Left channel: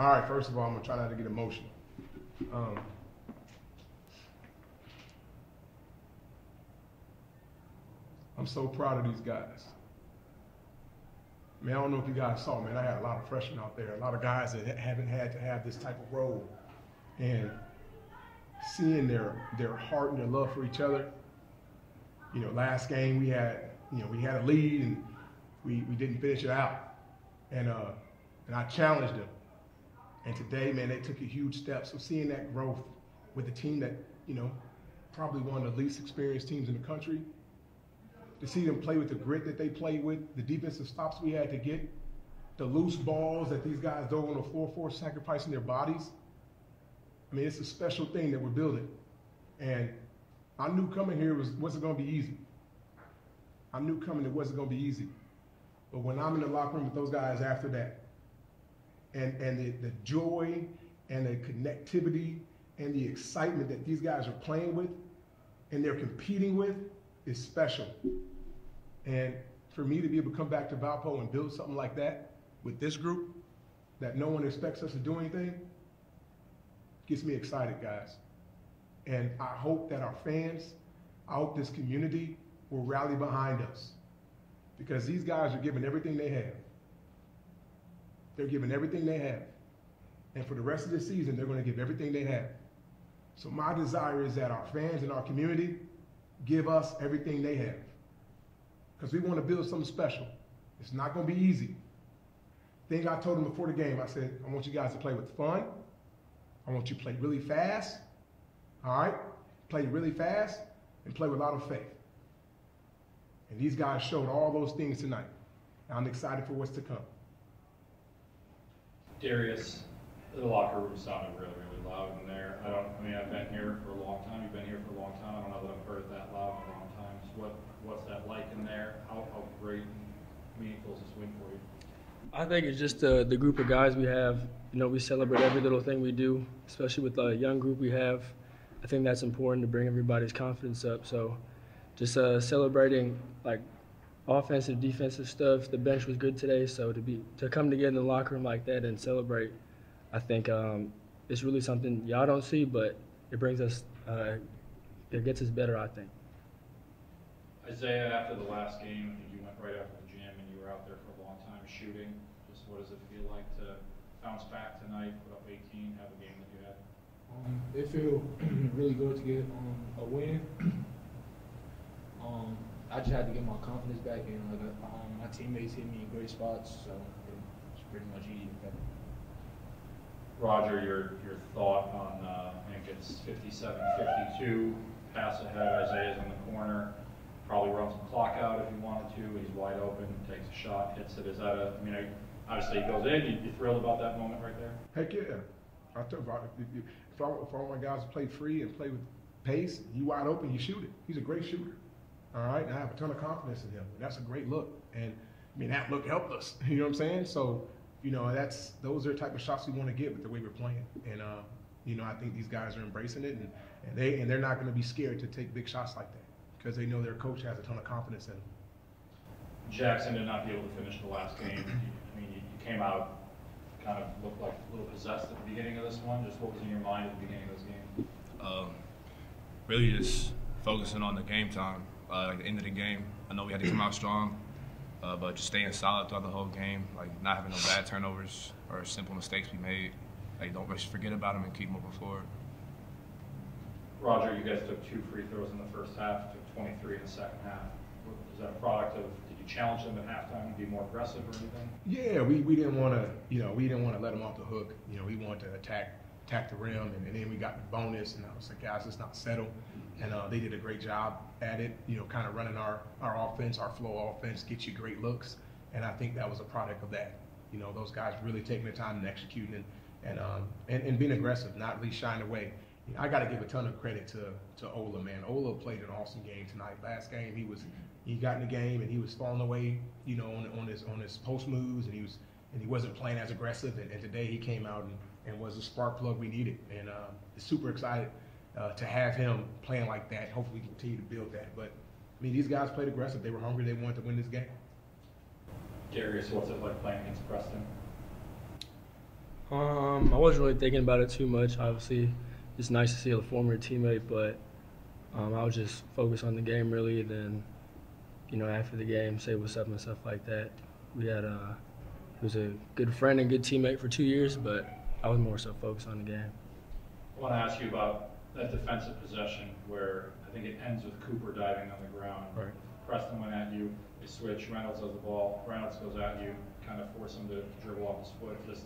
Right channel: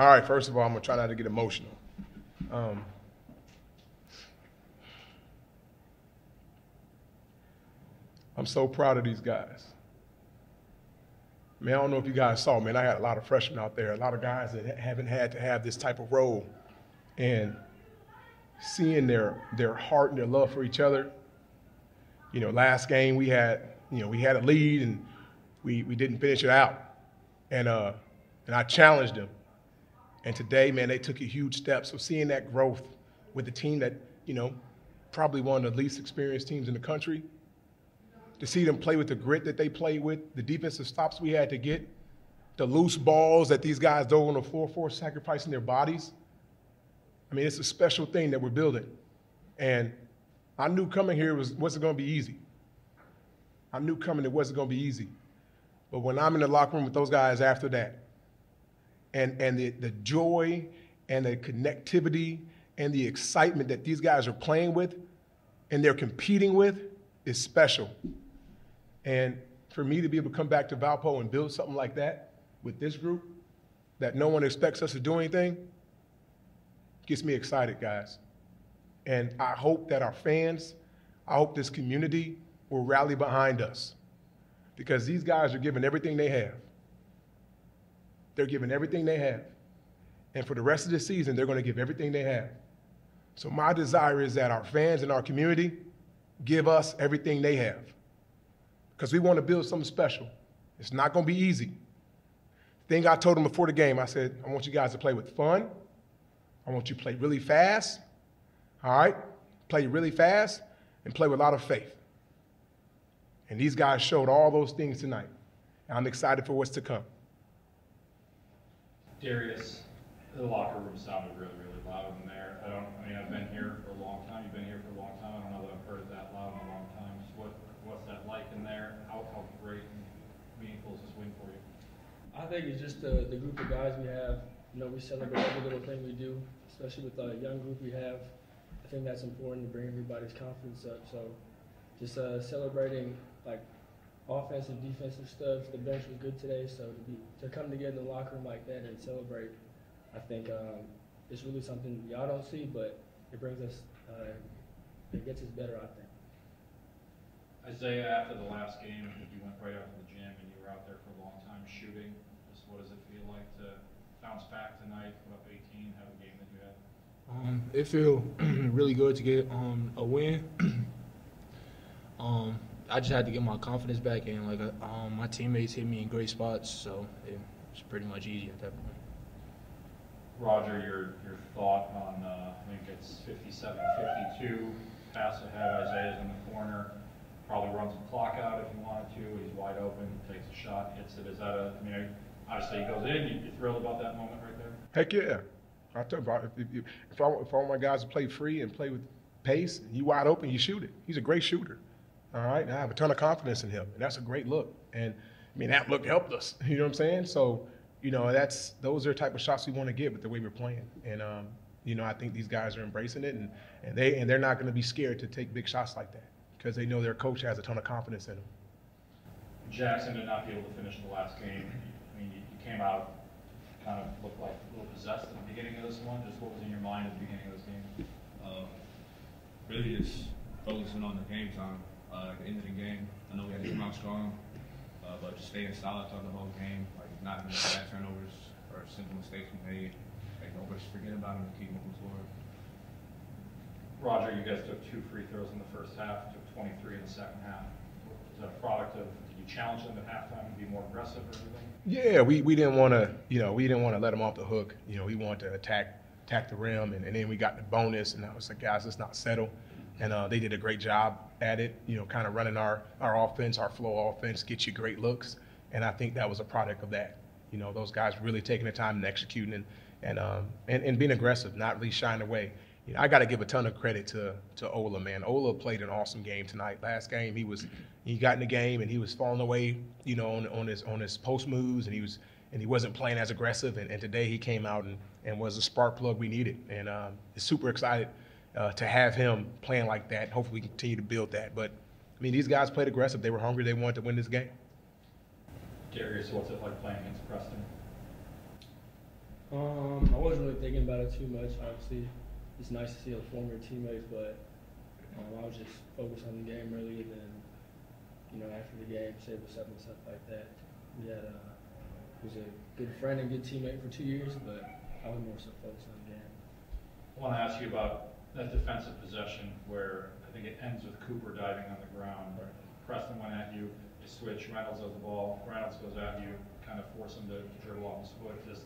All right, first of all, I'm going to try not to get emotional. I'm so proud of these guys. Man, I don't know if you guys saw, man, I had a lot of freshmen out there, a lot of guys that haven't had to have this type of role. And seeing their heart and their love for each other. You know, last game we had a lead and we didn't finish it out. And I challenged them. And today, man, they took a huge step. So seeing that growth with the team that, you know, probably one of the least experienced teams in the country, to see them play with the grit that they play with, the defensive stops we had to get, the loose balls that these guys dove on the floor for, sacrificing their bodies. I mean, it's a special thing that we're building. And I knew coming here wasn't going to be easy. I knew coming it wasn't going to be easy. But when I'm in the locker room with those guys after that, and the joy and the connectivity and the excitement that these guys are playing with and they're competing with is special. And for me to be able to come back to Valpo and build something like that with this group that no one expects us to do anything gets me excited, guys. And I hope that our fans, I hope this community will rally behind us because these guys are giving everything they have. They're giving everything they have. And for the rest of the season, they're going to give everything they have. So my desire is that our fans and our community give us everything they have because we want to build something special. It's not going to be easy. The thing I told them before the game, I said, I want you guys to play with fun. I want you to play really fast. All right? Play really fast and play with a lot of faith. And these guys showed all those things tonight. And I'm excited for what's to come. Darius, the locker room sounded really, really loud in there. I've been here for a long time. You've been here for a long time. I don't know that I've heard it that loud in a long time. So what's that like in there? How great and meaningful is this win for you? I think it's just the group of guys we have. You know, we celebrate every little thing we do, especially with the young group we have. I think that's important to bring everybody's confidence up. So just celebrating like offensive, defensive stuff. The bench was good today, so to come together in the locker room like that and celebrate, I think it's really something y'all don't see, but it brings us, it gets us better, I think. Isaiah, after the last game, I think you went right after the gym and you were out there for a long time shooting. Just what does it feel like to bounce back tonight, put up 18, have a game that you had? It feels really good to get a win. I just had to get my confidence back, and my teammates hit me in great spots, so it was pretty much easy at that point. Roger, your thought on I think it's 57-52, pass ahead. Isaiah's in the corner, probably runs the clock out if he wanted to. He's wide open, takes a shot, hits it. Is that obviously he goes in. You thrilled about that moment right there? Heck yeah. I'll tell you, if I want my guys to play free and play with pace, and you wide open, you shoot it. He's a great shooter. All right, and I have a ton of confidence in him. And that's a great look. And I mean, that look helped us. You know what I'm saying? So, you know, those are the type of shots we want to get with the way we're playing. And you know, I think these guys are embracing it, and they're not going to be scared to take big shots like that because they know their coach has a ton of confidence in them. Jackson did not be able to finish the last game. I mean, you came out, kind of looked like a little possessed at the beginning of this one. Just what was in your mind at the beginning of this game? Really just focusing on the game time. Like the end of the game, I know we had to come out strong, but just staying solid throughout the whole game, like not having no bad turnovers or simple mistakes we made. Like don't just forget about them and keep moving forward. Roger, you guys took 2 free throws in the first half, took 23 in the second half. Was that a product of, did you challenge them at halftime to be more aggressive or anything? Yeah, we didn't want to, we didn't want to let them off the hook. You know, we wanted to attack the rim, and then we got the bonus, and I was like, guys, let's not settle. And they did a great job at it, kind of running our offense, our flow offense, get you great looks. And I think that was a product of that. Those guys really taking the time and executing and being aggressive, not really shying away. I got to give a ton of credit to Ola, man. Ola played an awesome game tonight. Last game, he got in the game and he was falling away, on his post moves, and he wasn't playing as aggressive. And today he came out and was the spark plug we needed. And super excited to have him playing like that. Hopefully we continue to build that. But I mean, these guys played aggressive. They were hungry. They wanted to win this game. Darius, what's it like playing against Preston? I wasn't really thinking about it too much. Obviously, it's nice to see a former teammate, but I was just focused on the game really. And then, after the game, say what's up and stuff like that. We had he was a good friend and good teammate for 2 years, but I was more so focused on the game. I want to ask you about that defensive possession where I think it ends with Cooper diving on the ground. Right. Preston went at you, they switch, Reynolds has the ball, Reynolds goes at you, kind of force him to dribble off his foot. Just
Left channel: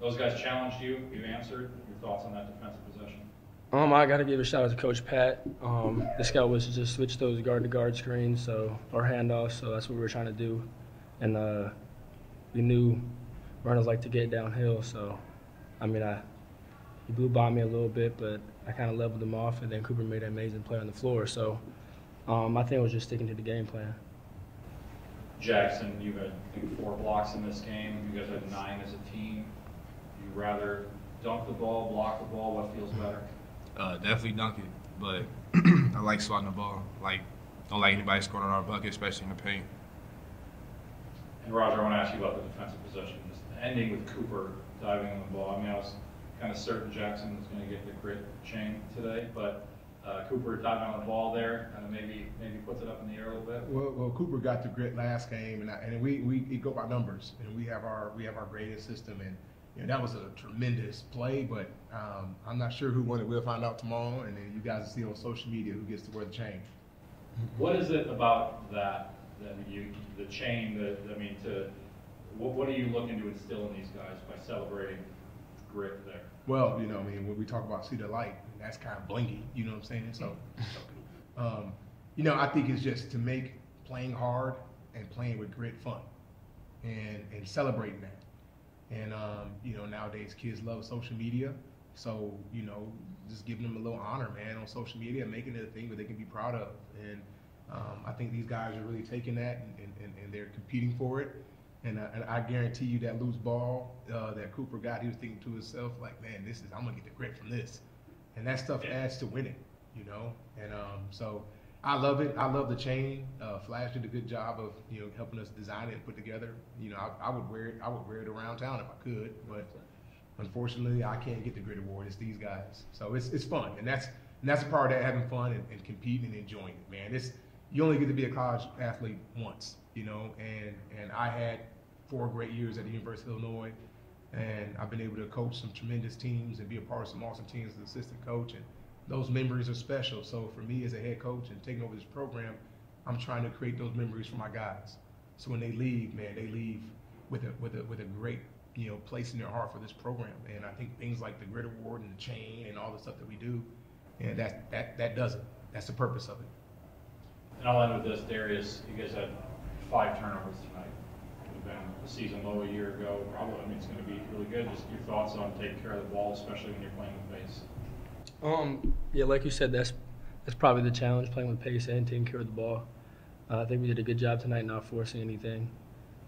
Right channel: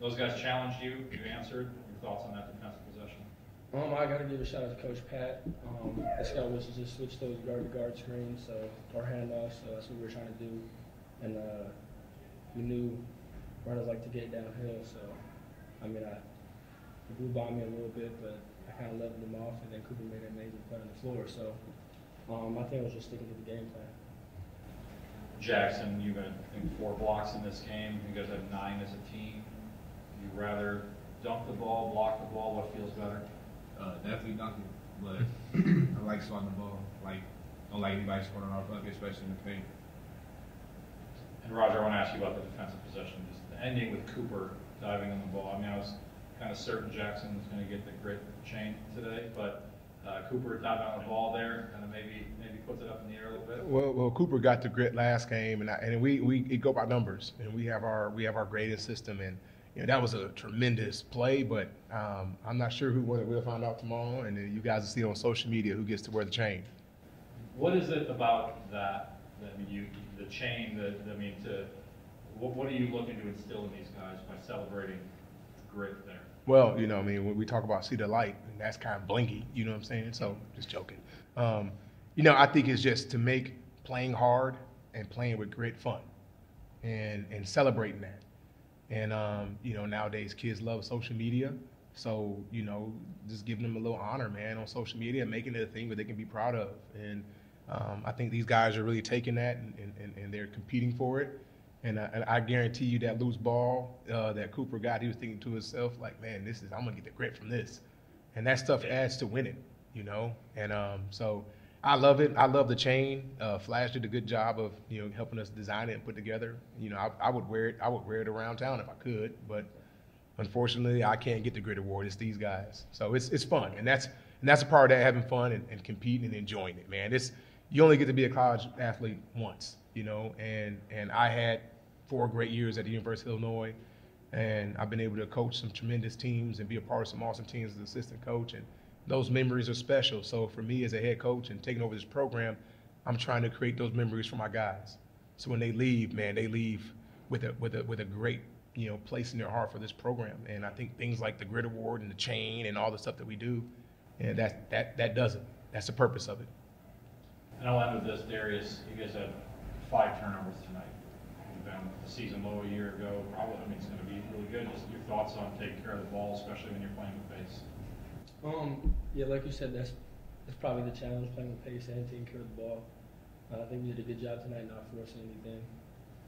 those guys challenged you, you answered. Your thoughts on that defensive possession? I got to give a shout out to Coach Pat. The scout was to just switch those guard-to-guard screens, or handoffs. So that's what we were trying to do, and we knew runners like to get downhill. So, he blew by me a little bit, but I kind of leveled him off, and then Cooper made an amazing play on the floor. So, I think I was just sticking to the game plan. Jackson, you've had I think 4 blocks in this game. You guys had 9 as a team. You rather dunk the ball, block the ball? What feels better? Definitely dunking, but I like swatting the ball. Don't like anybody scoring on our bucket, especially in the paint. And Roger, I want to ask you about the defensive possession. Just ending with Cooper diving on the ball. I was kind of certain Jackson was going to get the grit chain today, but Cooper diving on the ball there kind of maybe puts it up in the air a little bit. Well, Cooper got the grit last game, and we go by numbers, and we have our grading system, and that was a tremendous play. But I'm not sure who won it. We'll find out tomorrow, and then you guys will see on social media who gets to wear the chain. What is it about that? The chain. What are you looking to instill in these guys by celebrating grit there? Well, when we talk about see the light, that's kind of blinky. You know what I'm saying? So just joking. I think it's just to make playing hard and playing with grit fun, and celebrating that. And nowadays kids love social media, so just giving them a little honor, man, on social media, and making it a thing that they can be proud of. And I think these guys are really taking that and they're competing for it. And I guarantee you that loose ball that Cooper got, he was thinking to himself, like, man, I'm gonna get the grit from this. And that stuff adds to winning, And so I love it. I love the chain. Flash did a good job of helping us design it and put together. I would wear it. I would wear it around town if I could, but unfortunately I can't get the grit award. It's these guys. So it's fun, and that's a part of that, having fun and competing and enjoying it, man. You only get to be a college athlete once, and I had 4 great years at the University of Illinois, and I've been able to coach some tremendous teams and be a part of some awesome teams as an assistant coach, and those memories are special. So for me as a head coach and taking over this program, I'm trying to create those memories for my guys. So when they leave, man, they leave with a great place in their heart for this program. And I think things like the grit award and the chain and all the stuff that we do, that does it. That's the purpose of it. And I'll end with this, Darius. You guys had 5 turnovers tonight. You've been the season low a year ago. Probably, it's going to be really good. Just your thoughts on taking care of the ball, especially when you're playing with pace. Yeah, like you said, that's probably the challenge, playing with pace and taking care of the ball. I think we did a good job tonight, not forcing anything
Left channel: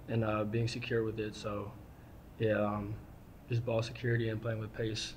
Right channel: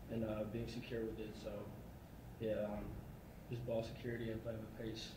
and being secure with it. So, yeah, just ball security and playing with pace